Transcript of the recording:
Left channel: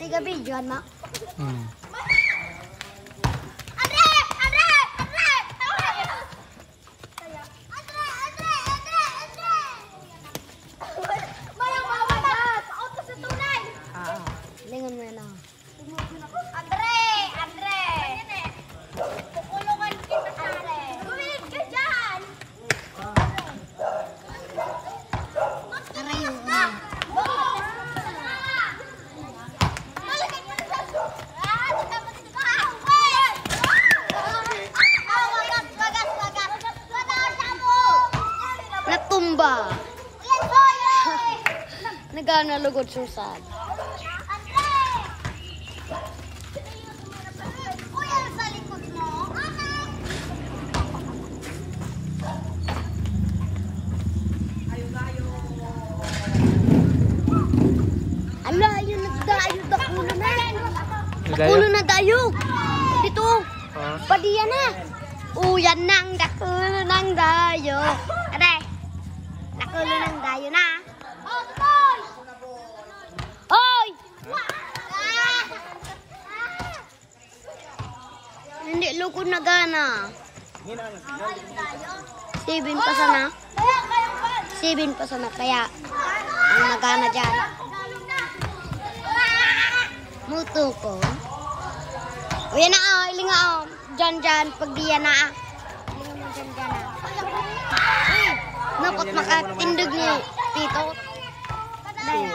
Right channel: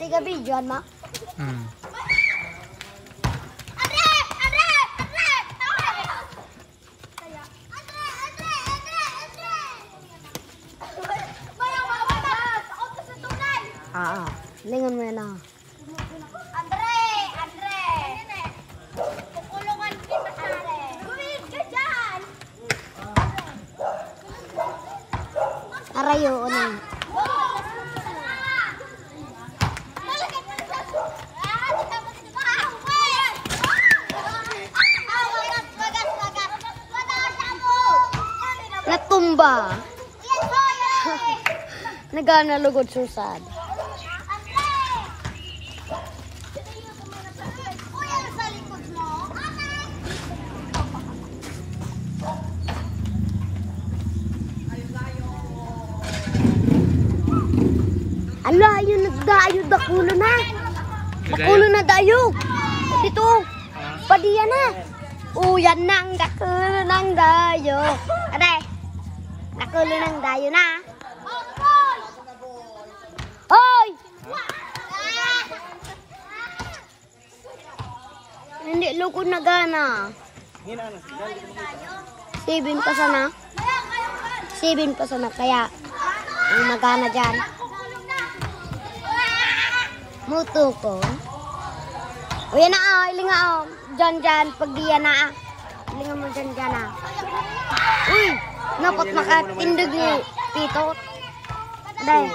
Tiga bidyoan ma. Lingon mo yan ah. Andre! Kukulungan kita pare. Gawin ka dyan! Arayo, ano? Natumba. Nagana lugod susad. Ala, yun nagdayo dakulo na. Dakulo na dayo. Dito. Padiya na. Uyan nang dakulo ng dayo. Ade. Dakulo ng dayo na. Hoy! Hindi lukod na gana. 7 pa sana. 7 pa sana kaya ang nagana dyan. Muto ko. O yan na ilinga dyan, pag diya na ilinga mo dyan na. Napot makatindog ni Tito. Dahil.